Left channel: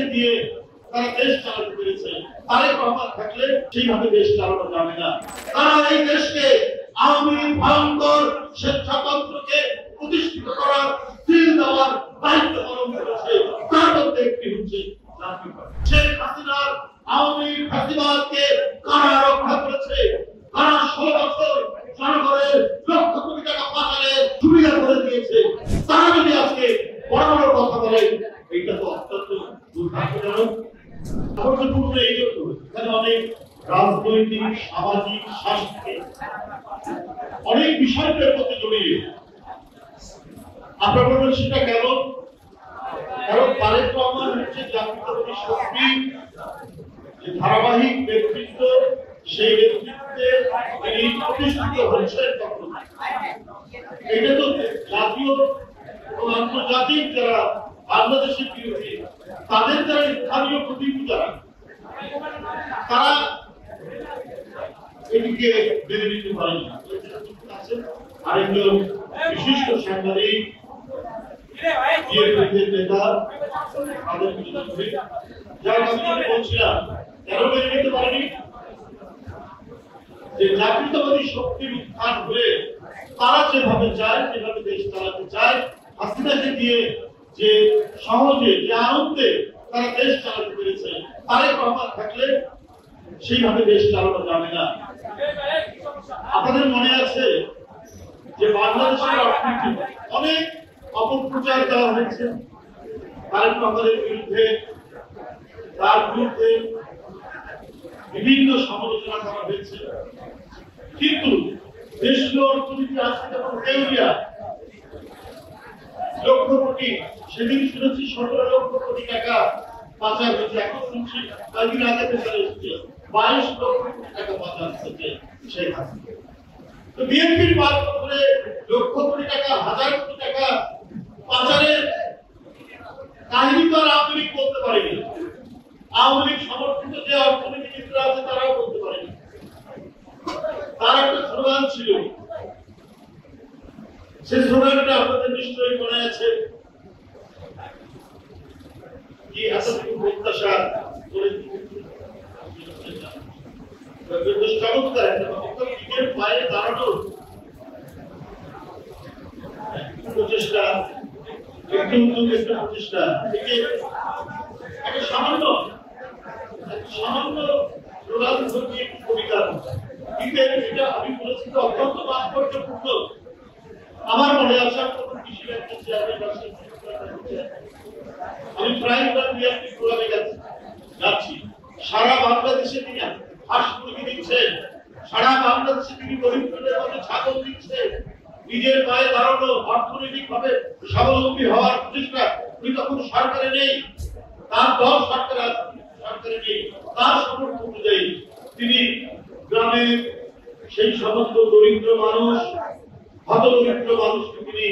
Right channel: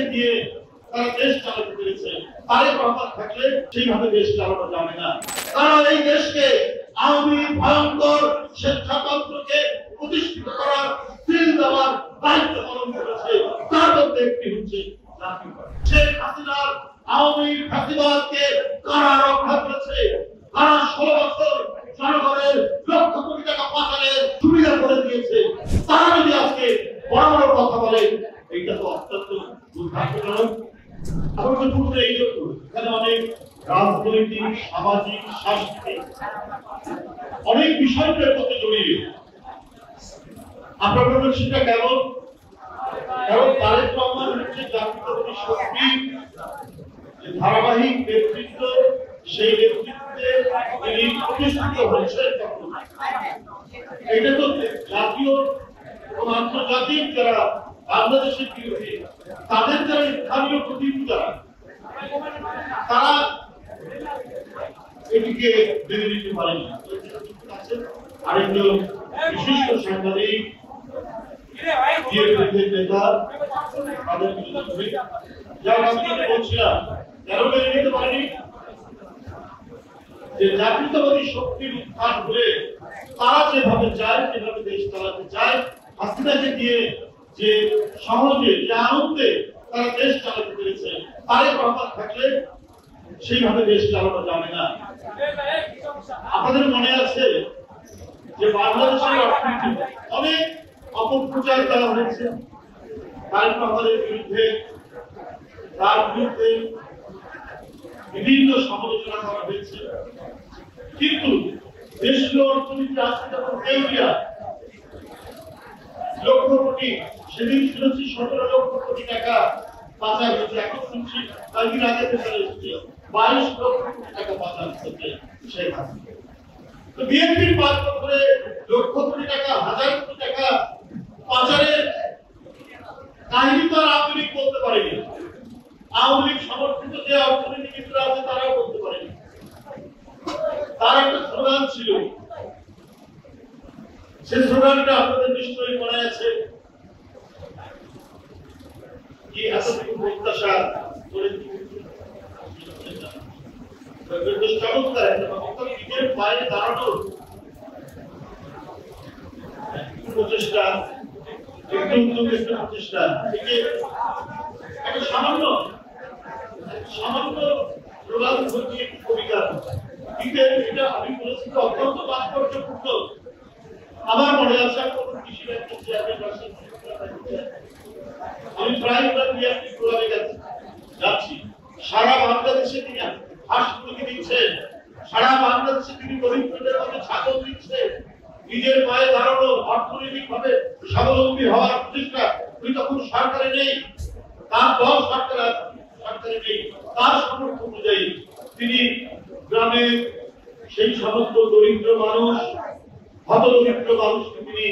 থেকে দিয়ে তারা দেশ চালাতে পেরেছে। তারেক রহমান থাকলে সেইভাবে দেশ চালানো যাবে না। তারা এই দেশকে আওয়ামী ভয়ঙ্কর স্বেচ্ছাতন্ত্রকে প্রতিষ্ঠিত করার দিল দেওয়ার দায়িত্ব পালন করেছে। তার মধ্যে একটি হচ্ছে শেখ হাসিনার আওয়ামী ফ্যাসিবাদকে কারা রক্ষা করেছে। তারা 16 বছর জনগণের লক্ষ কোটি টাকা পাচারের সুবিধা করে দিয়েছে। তারা যদি আজকে বড় বড় কথা বলে, এইটা তো অত্যন্ত দুর্ভাগ্যজনক। অনেক রাজনৈতিক, সামাজিক, সাংস্কৃতিক অনেক বিষয়ের মধ্যে জড়িয়ে আপনার বলবেন সেটা কেমন? কারণ তারেক রহমান হচ্ছে জাতীয়তাবাদী শক্তি, যে ধারাবাহিক নেতৃত্ব, সেই নেতৃত্বে তিনি প্রতিষ্ঠিত হচ্ছেন। এটা তো জাতীয় ও আন্তর্জাতিক যারা বাংলাদেশের বিরোধী, তাদের যারা স্থানীয় প্রতিনিধি যারা, তারা এটিকে মেনে নিতে পারেনি। আরেকজন বিশিষ্ট সাংবাদিক নেতা তাদের যারা আমি বলছিলাম কেন মেনে নিতে পারেনি, যে জাতীয়তাবাদী শক্তির উত্থান হলে তারা যেভাবে চায়, যেভাবে দেশ চালাতে চায়, হাসিনাকে দিয়ে যে সহজে, যে আনন্দে তারা দেশ চালাতে পেরেছে, তারেক রহমান থাকলে সেইভাবে দেশ চালানো যাবে না। আপনাদের মনে আছে যে বাংলাদেশের অর্থনীতি অনেক অপপ্রচার করা হয়েছে তারেক রহমানের বিরুদ্ধে, তার বিরুদ্ধে বিভিন্ন সমালোচনা করা হয়েছে, কিন্তু দেশীয় অর্থনীতি আজকে যখন দেউলিয়া, লক্ষ কোটি, সেদিন শুনেছি 17 লক্ষ কোটি টাকা পাচার হয়েছে, এখন শুনছি কয়েকদিন আগে থেকে 22 লক্ষ কোটি টাকা পাচার হয়েছে শেখ হাসিনা। তো বিএনপির বাদ করে লক্ষ কোটি টাকা, হাজার কোটি টাকা পাচারের কাহিনী তো আর আওয়ামী লীগ বলতে পারেনি। আওয়ামী লীগ সমর্থিত যে অর্থনীতিবিদরা আছে তারাও বলতে পারেনি। তার একটা স্লোগান ছিল, সে স্লোগানটা আপনাদের নিশ্চয়ই মনে আছে, কি এতটুকু প্রত্যাশা করে নিজের পায়ে দাঁড়ানোর প্রচেষ্টা, একটু প্রচেষ্টা থেকে একটা সামান্য কবিতা কিন্তু এটা আমি বলেছি অত্যন্ত তাৎপর্যপূর্ণ। আমার মনে আছে আমি প্রায় যাচ্ছি, সারা বাংলাদেশে তিনি হাঁস মুরগি দিচ্ছেন, সারা বাংলাদেশে তিনি গরিবদের মধ্যে ছাগল দিচ্ছেন, নিজের পায়ে দাঁড়ানো, অর্থনৈতিক ভাবে স্বাবলম্বী হওয়ার প্রচেষ্টা। উনি তখন সরকারে নেই, তার দল সরকারে নেই, তার সমর্থন অনুযায়ী তিনি গ্রামে সেই সমস্ত দরিদ্র মানুষ, হত দরিদ্র মানুষকে তিনি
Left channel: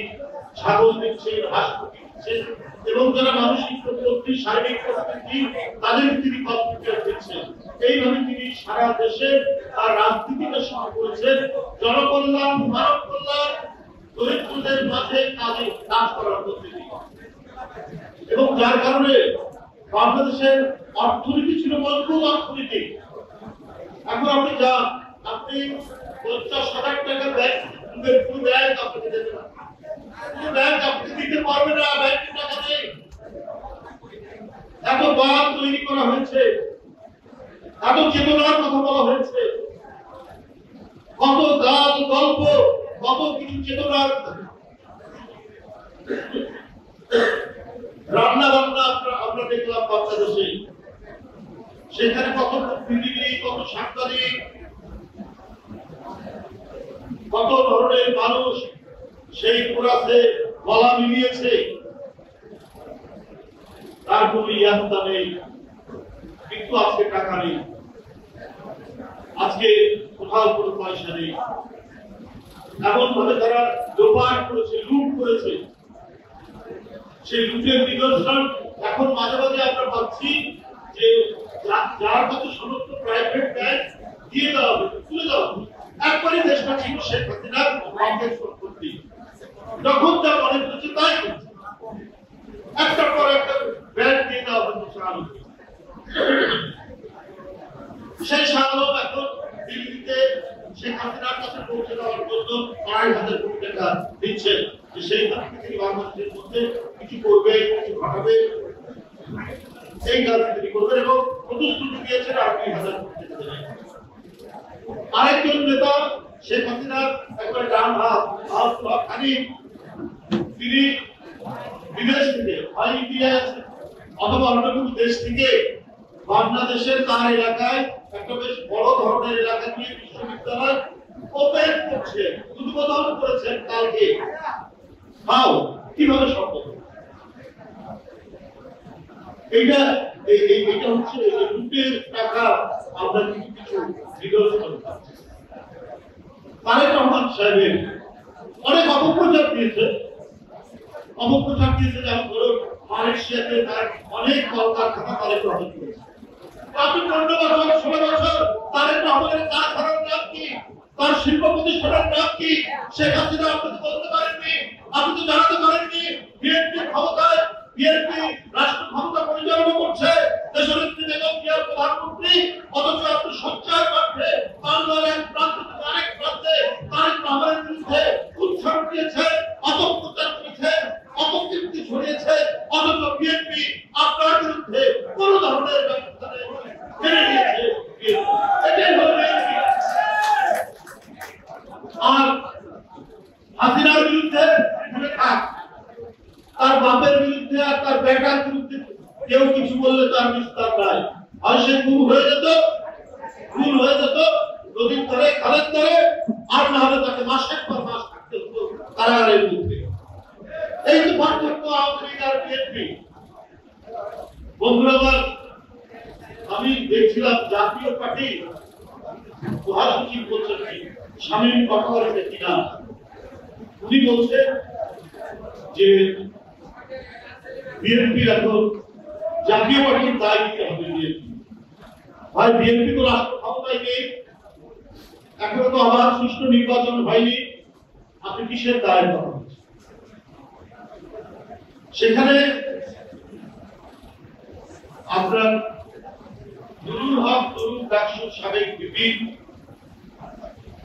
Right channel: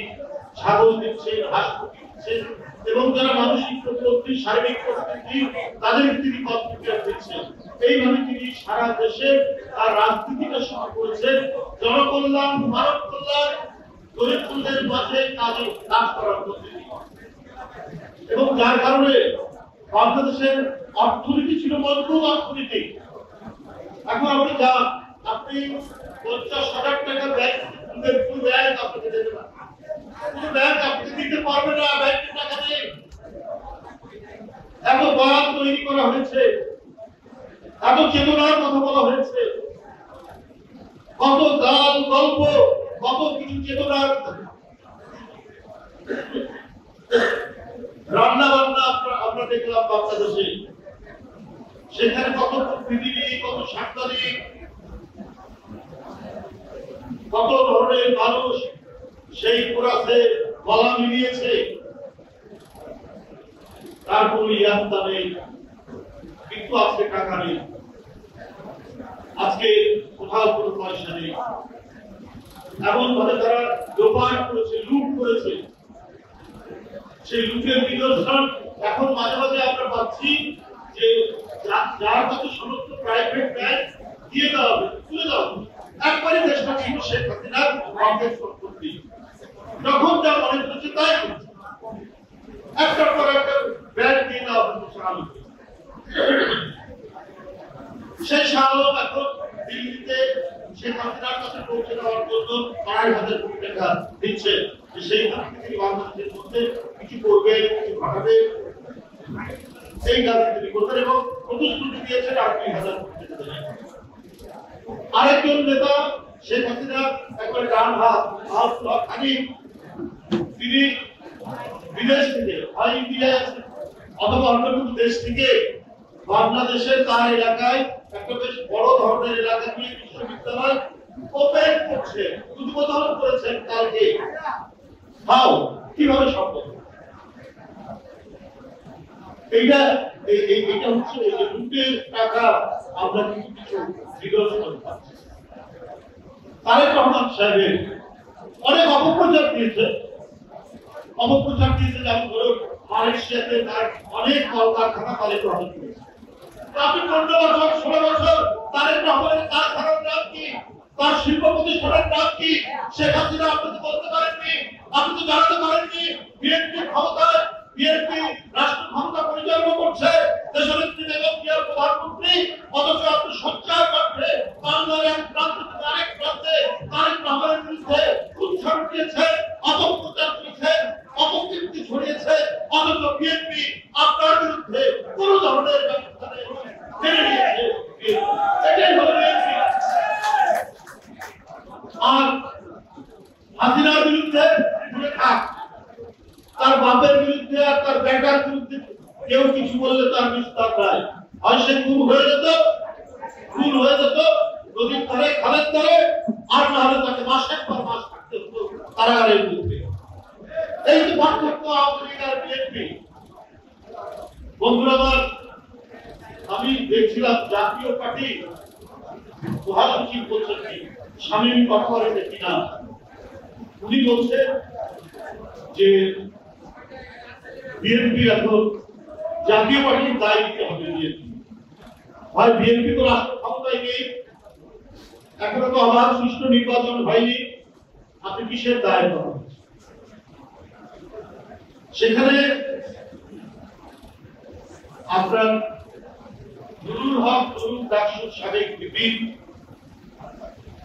ছাগল দিচ্ছেন, হাঁস মুরগি দিচ্ছেন, এবং যারা মানসিক প্রতিবন্ধী, শারীরিক প্রতিবন্ধী, তাদের তিনি কর্মচারী দিচ্ছেন। এইভাবে তিনি সারা দেশে তার রাজনীতিকে শুরু করেছেন জনকল্যাণ, মানব কল্যাণ, দরিদ্রদের মাঝে কাজ করার পদ্ধতি, এবং যার কারণে বাংলাদেশের অর্থনীতি ছিল মজবুত অর্থনীতি। এখন আপনি যান, আপনি 50,000 টাকার ব্যাংক আপনাকে দেবে না, ব্যাংক আপনি দিতে পারবে না, ব্যাংকের টাকা নেই। এত বাদ তৈরি করা হয়েছে, এত চেতনার কথা বলা হয়েছে, কত গান, গল্প, কত কিছু চেতনার রান্না বান্না আমরা দেখলাম বাংলাদেশে। সেখানে কত প্রতিনিধি, কত সাংবাদিক, কত ধরনের মানুষ সেই কোরাসে গলা মিলিয়েছে। তার কোনো ইয়াত্তা নেই, কিন্তু আজকে টাকা নেই, আজকে কোথাও কোনো পয়সা নেই। এমন ভাবে তারা লোপাট করেছে, লুট করেছে। সেই লুটের নিদর্শন এখন মাঝে মাঝে আমরা পাচ্ছি যে যার কাছে সমস্ত প্রাইভেট ব্যাংক দিয়ে দেওয়া হবে, তুলে দেওয়া হবে। একবারই দেশটা ছিল শেখ হাসিনার বাংলাদেশ সম্পত্তি, যখন যা মনে করেছে তাই একটা পর একটা ব্যাংক দিয়ে দেওয়া হচ্ছে। 2,500 কোটি টাকা দিচ্ছে, সেই থেকে তিনি বাংলাদেশের মধ্যে কিছু করবে, কিছু ঘটাবে, সেই কাজটি তিনি করবেন এবং প্রতিশ্রুতি দিয়েছেন আর 2,000 কোটি টাকা দেবেন। আরেকজন নেতা শেখ হাসিনা একবারে ডান হাত খালি, তিনি বিদেশ থেকে হয় ইন্ডিয়া অথবা অন্য কোনো দেশ থেকে বাংলাদেশের তার এলাকায় একটা বেশ বড় ধরনের এলাকা নিয়ে বিশ্ববিদ্যালয় ওপেন করছে, উদ্বোধন করেছেন কালকে। হাও কিভাবে সম্ভব? এইটা হচ্ছে লুটের টাকা আমরা কিছু কিছু নিদর্শন পাচ্ছি। তারেক রহমান সাহেবের অনেক অপপ্রচার দিয়েছে, যেমন ধরুন মালয়েশিয়াতে তার অনেক কলকারখানা তারেক রহমান করেছে। আপনি 15 বছর 16 বছর তারেক রহমানের কারখানার নাম কি, তার শিল্প প্রতিষ্ঠানের নাম কি শেখ হাসিনা আপনি তো বলতে পারেননি, আপনি তো জানাতে পারেননি। বিএনপি ক্ষমতায়, বিএনপি রাষ্ট্র ক্ষমতা পরিচালনা করছে, দেশনেত্রী বেগম জিয়া প্রধানমন্ত্রী, অথচ আপনি সঞ্চার করছে বাংলার এক প্রান্ত থেকে আরেক প্রান্তে তারেক রহমানের বিরুদ্ধে উচ্ছ্বাস দিয়েছে, অপপ্রচার করেছে, অপকীর্তি ছড়িয়েছে, অথচ বিএনপি আপনার বিরুদ্ধে কোন ধরনের ব্যবস্থা মেনে নিয়েছে। এটাই হল বিএনপি। আর হাসিনার বিরুদ্ধে তার বাপের বিরুদ্ধে আর তার বেটার বিরুদ্ধে কেউ কিছু বললে তার বিস্তার নাই। আর সে খুন হয়ে যেত নদীর ধারে, খালের ধারে, আর না হলে তাকে মাসের পর মাস থাকতে হতো কারাগারের বিরুদ্ধে। এই তো পার্থক্য আওয়ামী লীগ আর বিএনপি। বন্ধুরা আমার, আমি দেখছিলাম জাতীয় পার্টি মহাসচিব বলছেন কি শামীম কথা বলেছে কিনা, উনি বলছেন যে বিএনপি এখন জাতীয় পার্টির দায় নিতে হবে। ভাই বিএনপি তো রাষ্ট্র ক্ষমতায় নেই, এখনো তো আবার সুষ্ঠু নির্বাচন হয়নি, আপনি কিসের দায় পাবেন? সেখানে আপনার নুরুল হক ডাকসুর সাবেক ভিপি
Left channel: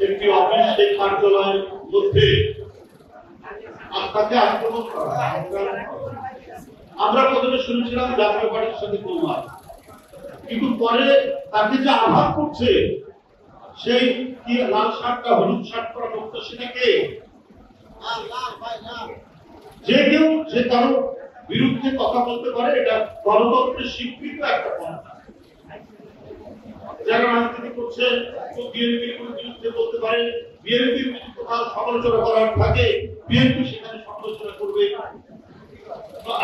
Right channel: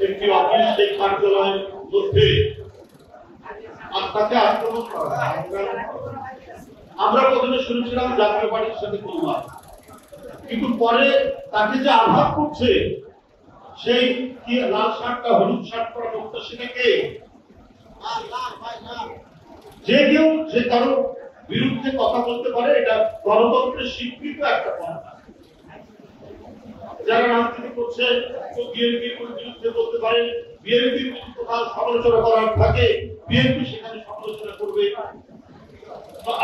একটি অফিস, সেই কার্যালয়ের মধ্যে আপনাকে আক্রমণ করা। আমরা প্রথমে শুনেছিলাম জাতীয় পার্টির সাথে তোলমার, কিন্তু পরে তাকে যে আঘাত করছে, সেই লাল শার্টটা হলুদ শার্ট পরা লোকটা, সেটাকে যে কেউ যে কারো বিরুদ্ধে কথা বলতে পারে, এটা গণতন্ত্রের স্বীকৃত একটা পন্থা। যারা রাজনীতি করছে বিএনপির বিরুদ্ধে বলতে পারে, বিএনপির কোথাও সমালোচনা করার থাকে, বিএনপি সেখানে সমালোচনা করবে।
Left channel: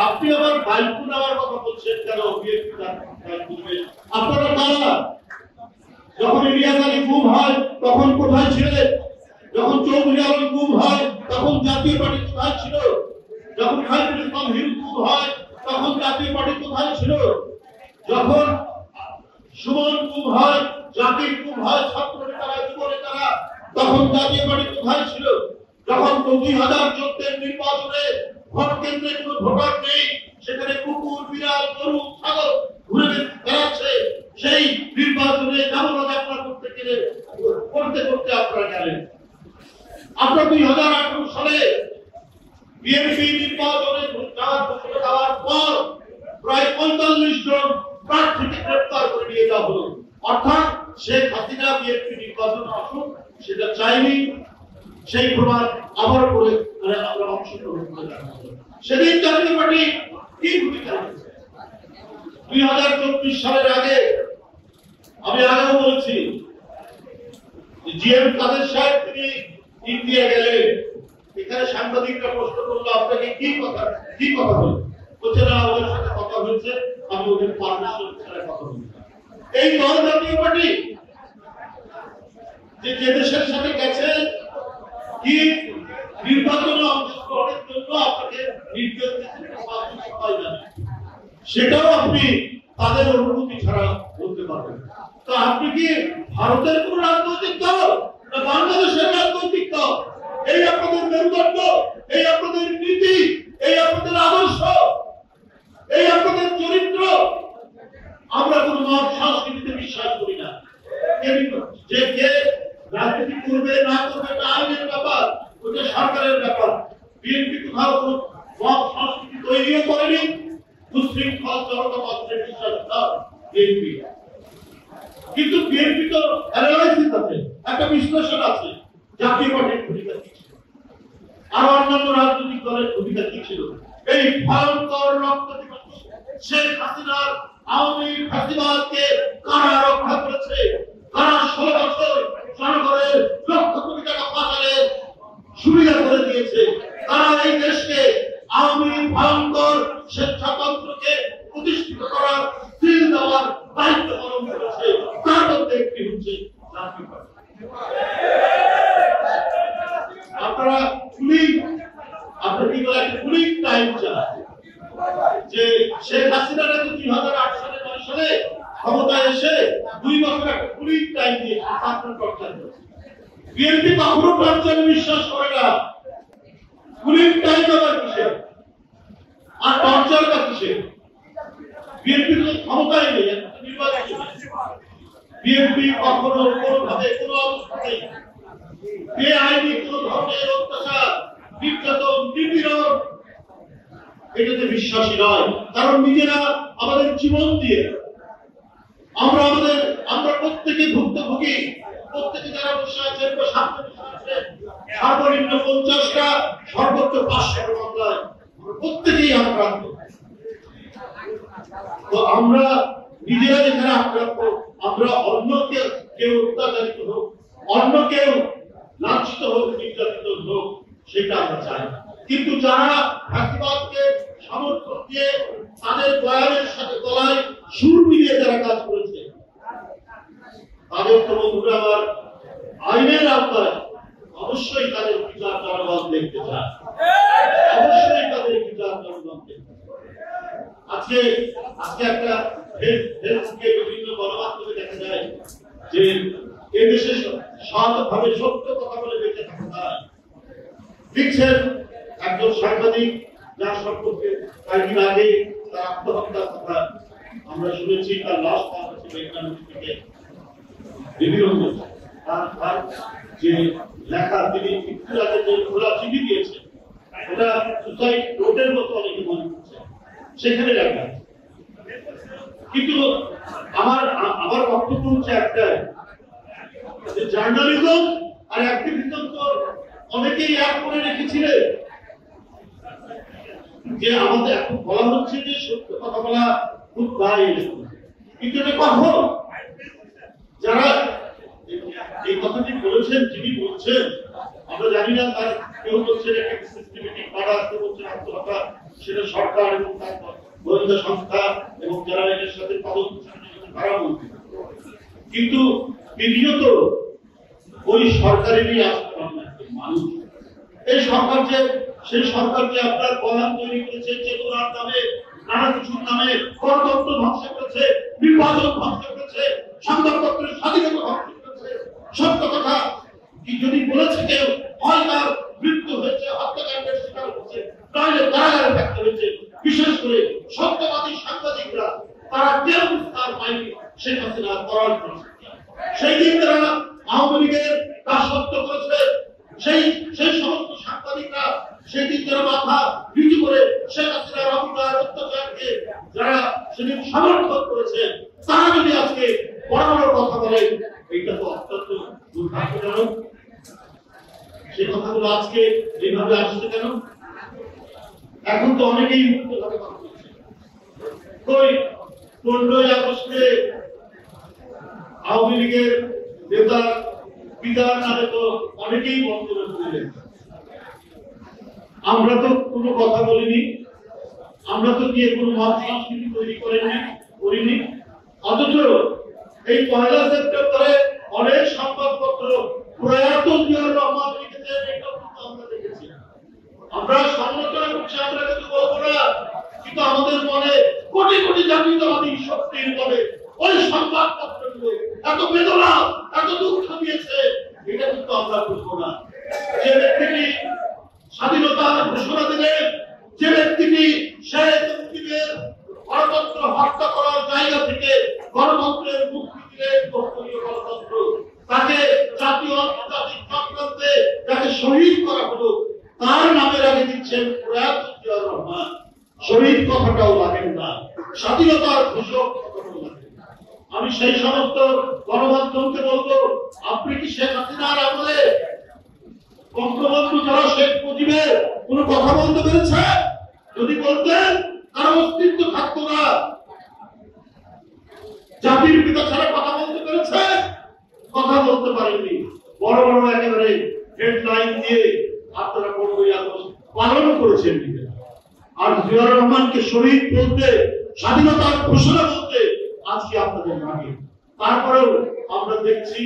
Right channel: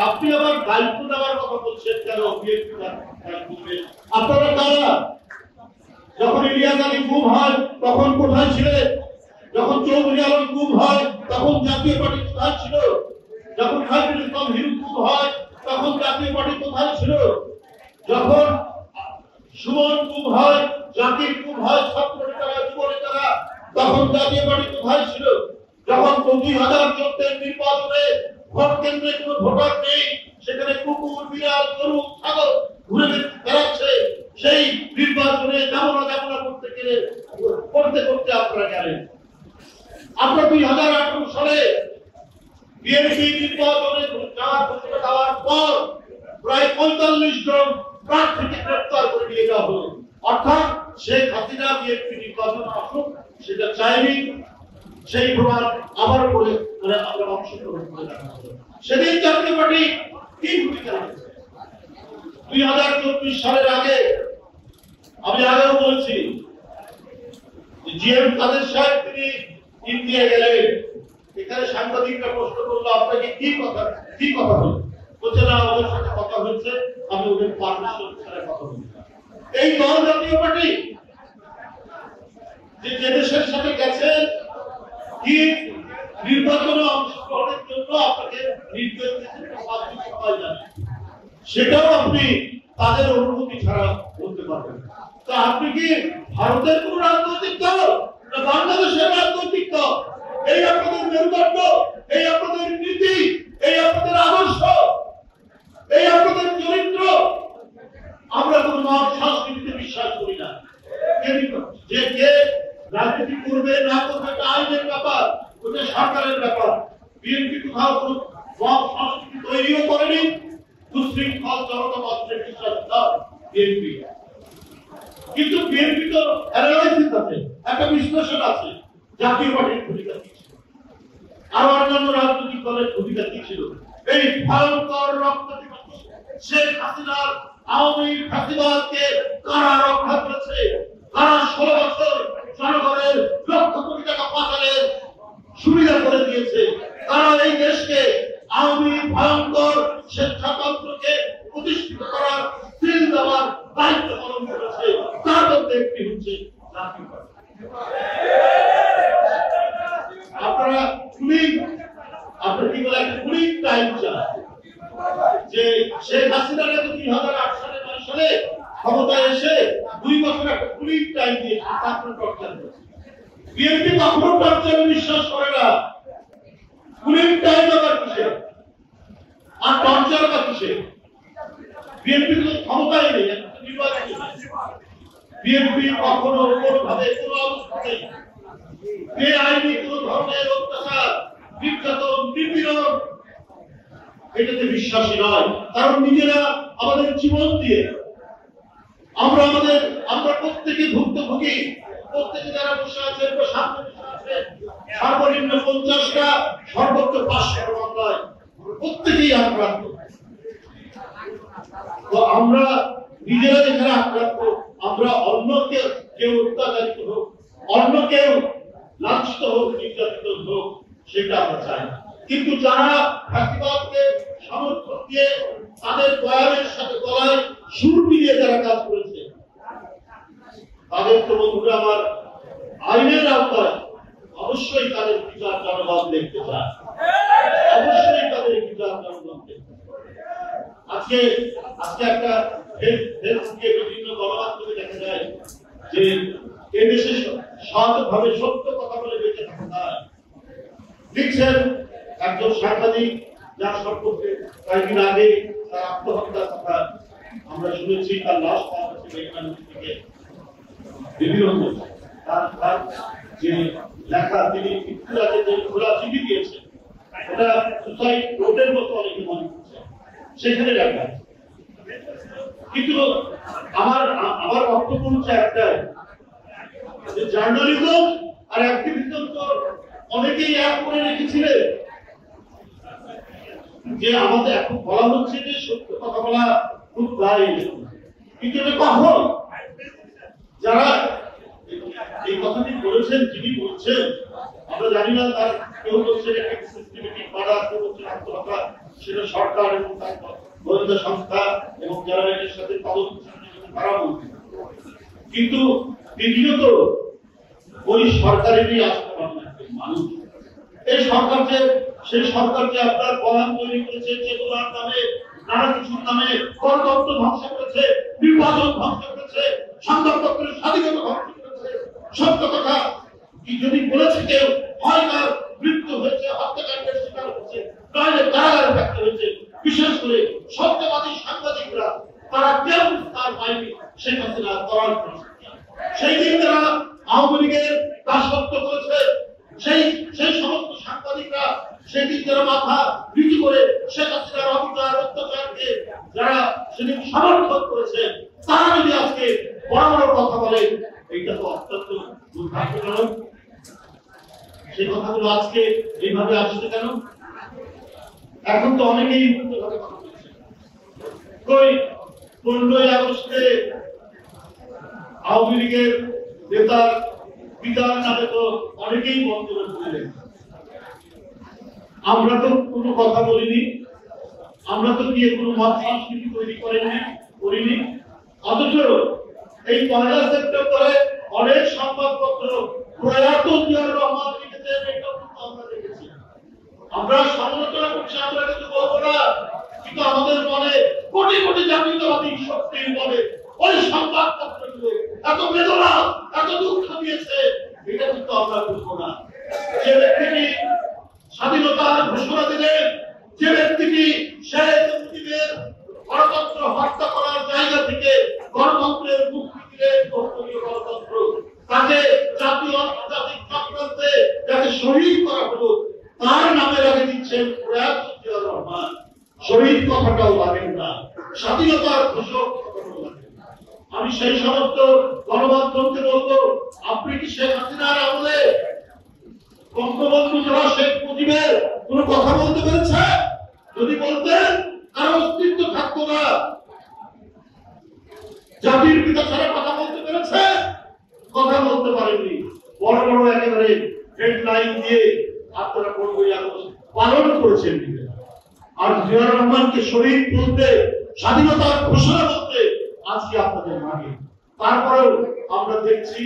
আপনি আবার দায়িত্ব নেওয়ার কথা বলছেন কেন? বিএনপি দায়িত্ব নেবে। আপনারা কারা? যখন ইলিয়াস আলী গুম হয় তখন কোথায় ছিলেন? যখন চৌধুরী আলী গুম হয় তখন জাতীয় পার্টি কোথায় ছিল? যখন খায়রুল ইসলাম হিরু গুম হয় তখন জাতীয় পার্টি কোথায় ছিল? যখন সুমন গুম হয়, জাতির গুম হয়, ছাত্র নেতারা, যুব নেতারা, তখন জাতীয় পার্টি কোথায় ছিল? যখন 2014 নির্বাচনে ভোট কেন্দ্রে কোনো ভোটার নেই, সেখানে কুকুর, বিড়াল, গরু, ছাগল ঘুরে বেড়াচ্ছে, সেই নির্বাচনে যাবনা করতে আপনারা গেলেন। আপনার 2018 সালে বিএনপি নির্বাচনে যাওয়ার পর প্রায় 45 জন প্রার্থীকে গ্রেফতার করে নিয়ে যাওয়া হলো। অর্থাৎ শেখ হাসিনা বিএনপি নির্বাচন আসুক সেটা চাইনি, সেই প্রমাণ আবার করে আমরা অংশগ্রহণ করে দেখা হলো। সেদিন জাতীয় পার্টি কি ভূমিকা রেখেছে? 2024 সালের আগে আমি আগেও বলছি, জিএম কাদের সাহেব তিনি ইন্ডিয়া গেলেন, এখানে সাংবাদিকরা প্রশ্ন করলো আপনাকে কি কথা হলো? বলছে না, ওদের সাথে কথা হয়েছে, আমি ওদের পারমিশন ছাড়া কথা বলি। এই দল জাতীয় পার্টি যে দেশের সাথে গেছে কি নির্বাচনে অংশগ্রহণের জন্য আপনাকে নির্দেশ দিতে, সেটাও আপনি তাদের অনুমতি ছাড়া বলতে পারবেন। তো আপনি কি ভারতের কোন রাজনৈতিক দল না বাংলাদেশের রাজনৈতিক দল? এই আপনাদের মেরুদণ্ড, এই আপনাদের নীতি, এই আপনাদের আদর্শ, এই আপনাদের চরিত্র। আমরা কোন মত সংস্কৃতিতে বিশ্বাস করি না। যে কে রাজনীতি করবে না করবে তা আইনের ব্যাপার, সুশৃঙ্খল জনতান্ত্রে বিশ্বাস না বিএনপি। কিন্তু বিএনপি তো অ্যানালাইসিস আছে, একটা বিশ্লেষণ আছে, জাতীয় পার্টির ভূমিকা কি ছিল, আর অন্যান্য রাজনৈতিক দলের ভূমিকা কি ছিল। এই ভয়ঙ্কর রক্তপিপাসু শেখ হাসিনার আওয়ামী ফ্যাসিবাদকে কারা রক্ষা করেছে? কারা 16 বছর জনগণের লক্ষ কোটি টাকা পাচারের সুবিধা করে দিয়েছে? তারা এই দেশকে আওয়ামী ভয়ঙ্কর স্বেচ্ছাতন্ত্রকে প্রতিষ্ঠিত করার স্কিল দেওয়ার দায়িত্ব পালন করেছে। তার মধ্যে একটি হচ্ছে জাতীয় পার্টি। আপনারা আপনার কি বলে কুলিং টাইম চান যে শেখ হাসিনা নাকি 2008 সালে 9 সালে ক্ষমতায় এসে 2 বছর একটা কুলিং টাইম দিয়ে আপনার টর্চার করেছে। বিএনপি কখনো টর্চারে বিশ্বাস করে না। কুলিং টাইম আবার কিসে আর টর্চার বা কিসে? বিএনপি তো ক্ষমতায় নেই, নির্বাচন। বিএনপি কখনো কোনোভাবে কোনো অবস্থাতে বেআইনি কোন ধরনের অত্যাচার, নির্যাতন, নিপীড়ন এটাতে বিশ্বাসী নয়। কারণ নিজেরা আমাদের জীবন দিয়ে আমরা প্রত্যেকে ভুক্তভোগী। প্রত্যেকে যারা বসে আছেন বা সামনে বসে আছেন, সর্বনিম্ন 50টা সর্বোচ্চ 500 মামলায় প্রত্যেকেই আক্রান্ত। তো আমরা নিজেরা যেখানে আক্রান্ত, আমরা অন্য কেউ অত্যাচারিত হোক, অন্য কেউ লাঞ্ছিত হোক, নির্যাতিত হোক, সেটা আমরা চাই। কিন্তু যারা ফ্যাসিবাদকে সমর্থন দিয়ে তাদের বয়ানের সাথে গলায় সুর মিলিয়ে যারা কাজ করেছে, তাদের তো বন্ধুরা আমার আইনের আওতায় অবশ্যই তাদের বিচার জনগণ দেখতে চায়, অবশ্যই তাদের বিচার জনগণ দেখতে চায়। আজকে একটা ফেসবুকে বিভিন্ন গণমাধ্যমে দেখা যায় যে এদেশে সৎভাবে সত্য কথা বলে বেঁচে থাকা যায়। লিখছেন একজন সাংবাদিক, যার সম্পর্কে কয়েকদিন আগে তার আত্মহত্যার কথা আমরা শুনেছি, তার লাশ পাওয়া হয়েছে বেঙ্গালুরু থেকে। বিভিন্ন তার যে লেখা, তিনি মৃত্যুরাতে যে খোলা চিঠি দিয়েছেন, ওটা সুসাইড নোটের মতো অনেকে মনে করছে, সেখানে লেখা। কিন্তু আমার বক্তব্য হচ্ছে একটাই, যে জার্নালিজম আর অ্যাক্টিভিজম তো অনেকেই এক করে রেখেছিলেন। যে আমাদের এখন বলা হচ্ছে যে সত্য কথা বলা খুব দায়, কিন্তু কখন যারা এই কথাটি বলেছেন, যিনি বলছেন, আমরা জানি না, তার কেউ বলছেন একটা সিস্টেমেটিক করা, কেউ বলছেন আত্মহত্যা, সেটা সরকার এবং তার গোয়েন্দা সংস্থা এবং যারা এর সাথে তদন্ত তারা বলছে। কিন্তু দ্বিতীয়ত ওই সরকারেরই আসতে মানুষ, এই সরকার যে সেই সরকার যে আপনার বয়ান তৈরি করেছে, চেতনার নামে, নানা কিছুর নামে গণতন্ত্র ধ্বংস করেছে, নির্বাচন ধ্বংস করেছে, সংবাদপত্রের স্বাধীনতা ধ্বংস করেছে। সত্য কথা কি যদি বলেছে কেউ, হয় তার মৃত্যু হয়েছে, হত্যাকাণ্ডের শিকার হচ্ছে, তাহলে কারাগারে থাকতে হয়েছে। বিশেষ করে সত্যবাদী সাংবাদিকরা, তারা কেউ তার পায়নি শেখ হাসিনা করার করেছে। সেই দিন তারা আওয়ামী লীগের দাসত্ব করেছে, সেই সমস্ত সাংবাদিকরা সেদিন যারা মাথা নিচু করে শেখ হাসিনার অবিচার অত্যাচারকে যারা সেদিন সমর্থন করেছে, তারা যদি আজকে বড় বড় কথা বলে, এইটা তো অত্যন্ত দুর্ভাগ্যজনক। সেই কথাগুলো আজকে এইভাবে আসছে কেন? এখন তো অনেকেই মুক্তভাবে কথা বলছে। 15ই আগস্টে আওয়ামী লীগের নেতা পিতার নামে তো অনেকেই বক্তব্য দিলেন। আমরা তো কোনো কথা বলিনি, আমরা তো গিয়ে কোনো মত সংস্কৃতি তৈরি করিনি। অথচ এই 1 সেপ্টেম্বরে অনেক সংবাদপত্র প্রয়াত জিয়াউর রহমান লিখেছেন, এটা আমরা দেখেছি। আমরা সমালোচনা করছি, আমরা কিন্তু বলবো না, কিন্তু আমাদের মনে কোটি কোটি জাতীয়তাবাদী শক্তির বলে ওই সংবাদপত্রগুলো এত বেদনা, এত দুঃখ দিয়েছে, এটা কিন্তু আমরা বুঝবো না। যে ব্যক্তিটি স্বাধীনতার ঘোষণা দিলেন, যে ব্যক্তিটি শেখ মুজিবের গণতন্ত্র হত্যা করার জায়গা থেকে গণতন্ত্রের মুক্তি দিলেন, বহুদলীয় গণতন্ত্র, তাকে জাতীয় আন্তর্জাতিক চক্রান্তে তাকে শহীদ করা হলো, তার নামে রেখে দিচ্ছেন প্রয়াত জিয়াউর রহমান। শহীদ কথাটাও লাগেন না। স্বাধীনতার ঘোষক। আমি সেই সমস্ত গণমাধ্যমকে বলবো, আপনি কি শেখ হাসিনার আমলে বঙ্গবন্ধু ছাড়া শেখ মুজিবের কোন কথা বলতে পেরেছে? যদি বলতেন তার অস্তিত্ব থাকতো না। জাতির পিতা ছাড়া কথা বলতে পেরেছে? কথা বলতে পারেননি। বড় বড় একেবারে হেডলাইন দিয়ে আপনারা পনেরোই আগস্ট পালন করেছেন। আর জিয়াউর রহমানকে শহীদ বলতে, স্বাধীনতার ঘোষণা করতে আজকে আপনাদের আগে। তারপরেও আমরা দেখছি,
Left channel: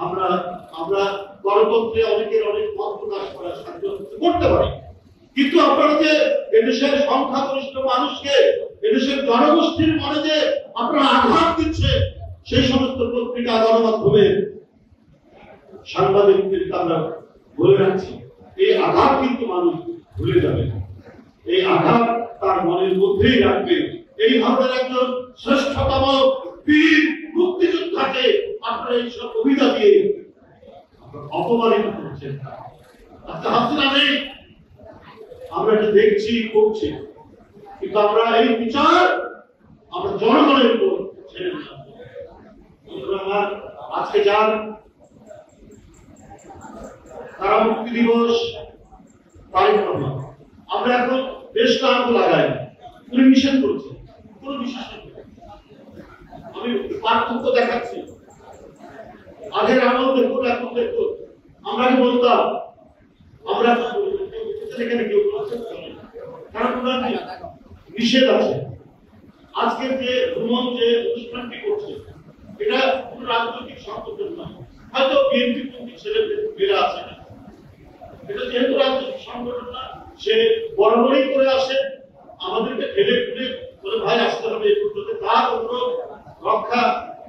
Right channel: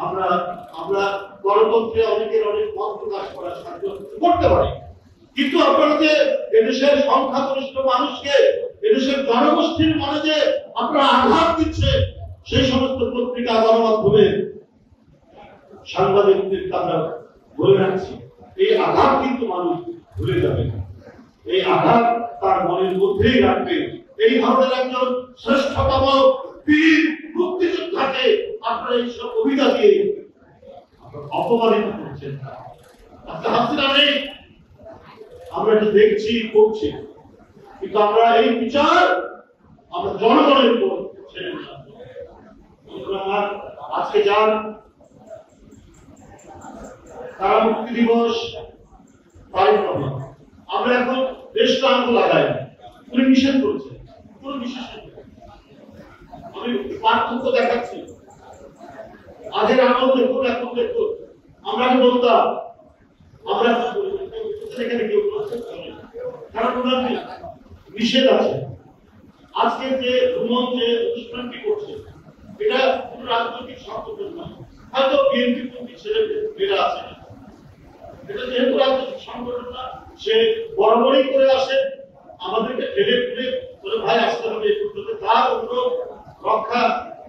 আমরা গণতন্ত্রে অনেকের অনেক মত প্রকাশ করার স্বাধীনতা করতে পারি, কিন্তু আপনারা যে এদেশের সংখ্যাগরিষ্ঠ মানুষকে, এদেশের জনগোষ্ঠীর মনে যে আপনারা আঘাত দিচ্ছে, সেই সমস্ত পত্রিকা গণমাধ্যমে সাংবাদিকদেরকে আমরা বলে রাখছি, এই আঘাত কিন্তু মানুষ ভুলে যাবে। এই আঘাত তার মনের মধ্যেই রাখবে। এই ধরনের একজন শ্রেষ্ঠতম বীর মুক্তিযোদ্ধাকে আপনারা এইসব কবিতা দিয়ে অপমানিত করছেন। আচ্ছা, হাসিনা নেই, আমরা এটা দেখছি, করছি, কিন্তু আমরা এই বিচার আমরা জনগণের উপর ছেড়ে দিলাম। আজকে যান তারা মুক্তি দিবস পালন করলাম, আমরা এখন দেশটা আঙ্গুল লাগাই উনি নিষেধ করছেন, কোন বিশেষ আমি পার্থক্য দেখাচ্ছি। আগের আমল দেখুন, এখন দেখুন। আমরা বলতাম আমরা সেখানে কেউ কারণ ওনার নিষেধ আছে। আজকের যে ভ্রমণ যে অনুষ্ঠানটি করছে, এটা কোন রাজনৈতিক সংগঠন নয়, হয়তো বিএনপি পন্থী ছেলেমেয়েরা আছে না, এটা যেহেতু রাজনৈতিক সংগঠন না, সে বরাবরই করে আসে, আমাদেরকে ঠেলে ঠেলে বলে ভাই আসতে হবে, তার অনুরোধ রক্ষা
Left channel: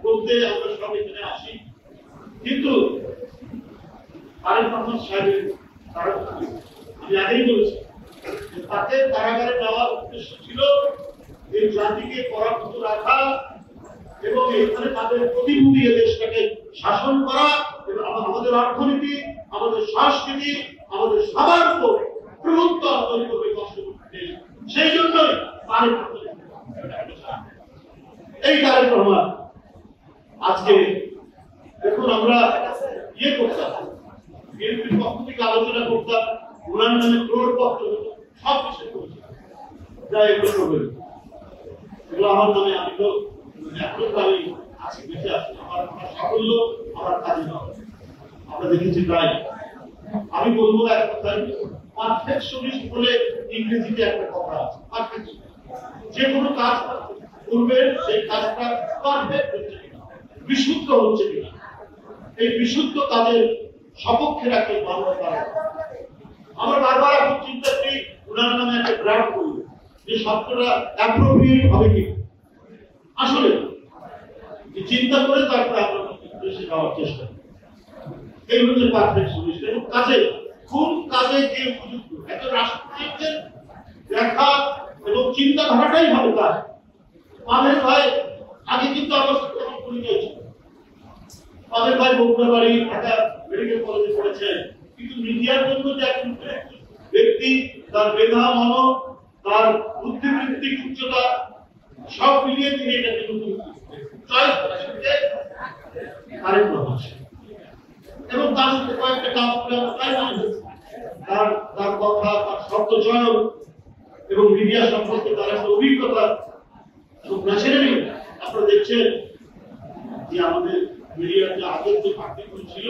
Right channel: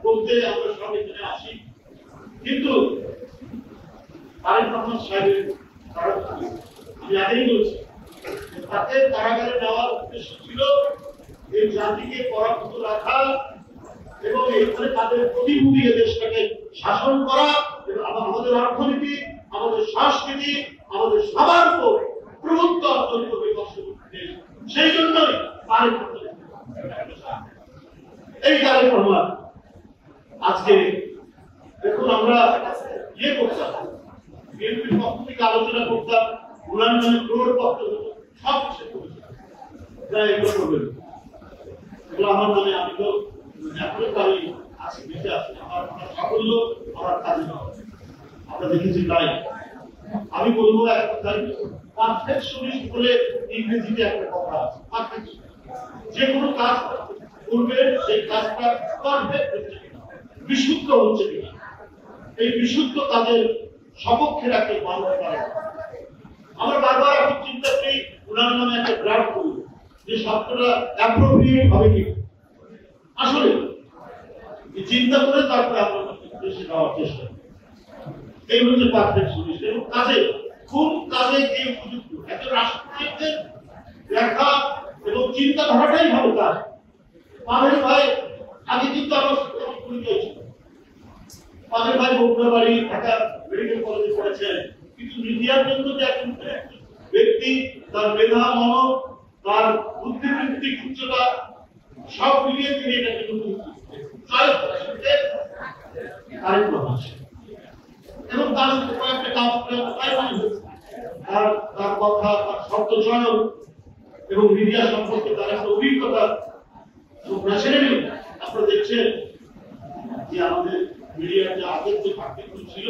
করতে আমরা সব এখানে আসি। কিন্তু তারেক রহমান সাহেবের আমি আগেই বলছি, তাকে কারাগারে নেওয়ার উদ্দেশ্য ছিল এই জাতিকে পরাভূত রাখা এবং এখানে তাদের প্রতিনিধি দেশটাকে শাসন করা এবং আমাদের অর্থনীতি, আমাদের সংস্কৃতি, আমাদের সামাজিক প্রভুত্ব অর্জন করবে কষ্ট করতে। সেই জন্যই এই তারেক রহমান আজকে দেখুন, আমরা ইয়ে করতাম, বিএনপির পক্ষ থেকে আলোচনা করতাম, ওনার নামে প্রয়োগপত্র সব কিছু করেছে, যা এগুলো করবেন এগুলো আমার নামে। আমি তো এখনো তাই আছি, বেঁচে আছি, আমার সাফল্য আমার কাজে না, আমরা দেখেছি তাই। আমি বলবো এক কথাই, পারফেকশনিস্ট বলে ইংরেজিতে একটা কথা আছে, পারফেকশন। যে কোনো কাজ করবে সেই কাজটা পারফেক্ট হচ্ছে কিনা, বিশুদ্ধ হচ্ছে কিনা, এই বিশুদ্ধ কাজের সপক্ষে রাখতে বন্ধ করে। আমরা বারবার এখন চিন্তা করি ওনার নামে একটা ড্রাফট করব, যে শব্দটা অ্যাপ্রোপ্রিয়েট হবে কি। আসলে চিন্তা করে তারপরে আমরা দেশে যাওয়ার চেষ্টা করি। এই হচ্ছে পারফেকশনিস্ট। এবং কাজে কোন কাজে যে উপযুক্ত একজন রাষ্ট্রনায়কের দেখা এবং চিন্তাধারাটাই হবে কাজ। আমাদের ভাই আগে কিন্তু আমার পরিচয় ছিল, আমাদের ভাই বগুড়াবাড়ি ঢাকা মেডিকেল কলেজে পড়েছেন, কিন্তু মিডিয়ার জন্য যে একজন ব্যক্তি, তার মেধা, মন, তার বুদ্ধিবৃত্তিক উচ্চতা সব মিলিয়ে তিনি এটা কিন্তু এবং তার সাথে কয়েকটা কাজ করে তার কথা, তার শব্দ চয়ন এবং মিডিয়া সম্পর্কে তার একটা অভিজ্ঞতা এবং ন্যাচারালি আপনারা দেখছেন যে আমাদের মিডিয়ার যে আগের যে পার্টিগুলো ছিল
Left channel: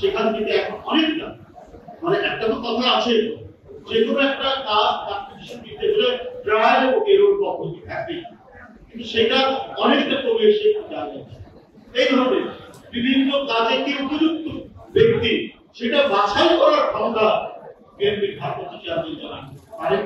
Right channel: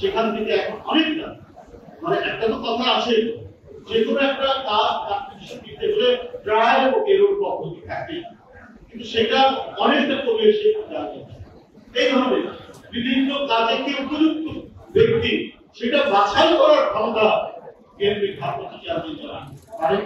সেখান থেকে এখন অনেকটা, মানে একটা তো কথা আছে, যে কোনো একটা কাজ দিতে হলে প্রায় এরকম পদ্ধতি থাকে, কিন্তু সেটা অনেকটা কমে এসে এই ধরনের বিভিন্ন কাজে কি উপযুক্ত ব্যক্তি সেটা বাছাই করার ক্ষমতা বিএনপির ভারপ্রাপ্ত চেয়ারম্যান পারেন।